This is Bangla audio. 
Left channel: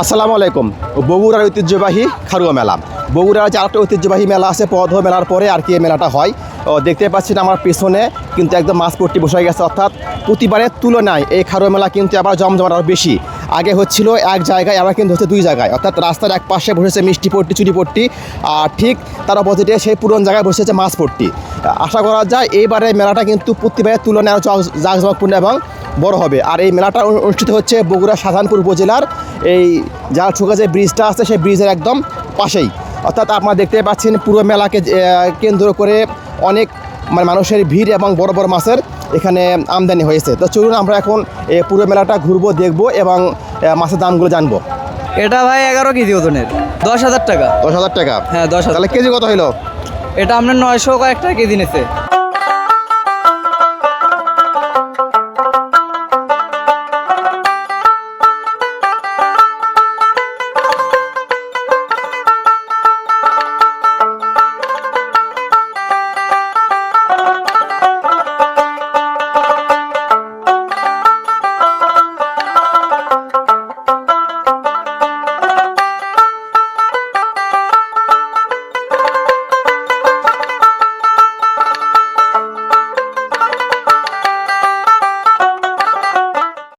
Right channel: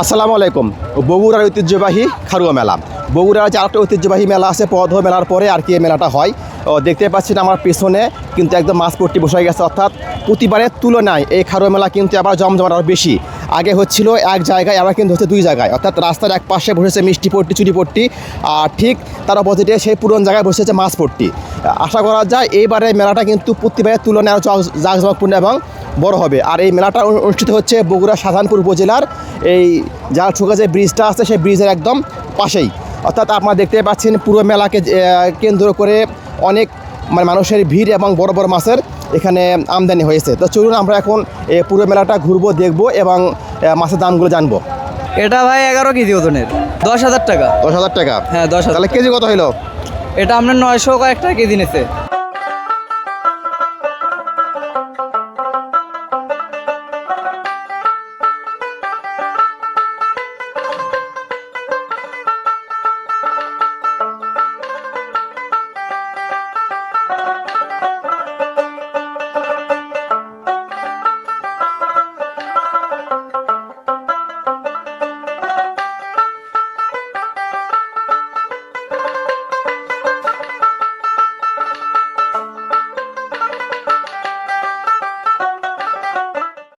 আসসালামু আলাইকুম। বগুড়ার ঐতিহ্যবাহী খারুয়া মেলা। বগুড়ার যে আরেকটা ঐতিহ্যবাহী মেলা আছে পদ মেলার পরে আর কি এই মেলাটা হয়। দেখতে পাচ্ছেন আমার পেছনে কিন্তু একদম মাঝপট্টি বসে গেছে, অর্থাৎ প্রতিবারের তুলনায় এই খারুয়া মেলা কিন্তু আবার জমজমাট আরও বেশি। আগে হচ্ছিল এক জায়গায়, আবার কিন্তু হচ্ছে দুই জায়গায়, অর্থাৎ রাস্তার এক পাশে বসেছে মিষ্টি পট্টি চুরিপট্টি, আর ঠিক তার অপোজিটে সেই পুরনো জায়গায় বসেছে মাছপট্টি। আশা করা যায় এইবারে মেলাটা কিন্তু প্রতিবারের তুলনায় আরও জাঁকজমকপূর্ণ এবং বড় হবে। আর এই মেলাটা অনুষ্ঠিত হচ্ছে বগুড়া শাহজাহানপুর উপজেলার এই জালছুকা যে ব্রিজটা আছে সেই ব্রিজের একদম পাশেই। অর্থাৎ আপনারা দেখতে পাচ্ছেন পুরো মেলাকে কেন্দ্র করে অনেক মানুষের ভিড় এবং বড় বড় মাছের এখানে আমদানি হয়েছে। তো চলুন আমরা এখন পুরো মেলাটা ঘুরবো, দেখবো এবং মাছের দামগুলো জানবো। এটা ভাই 11 কেজি ওজনের 10,000 টাকা। 10,000 টাকা? হ্যাঁ 10,000। তাহলে কেজি কত হইলো? এটা আপনার 900 কয়েক টাকা কেজি নিচ্ছে।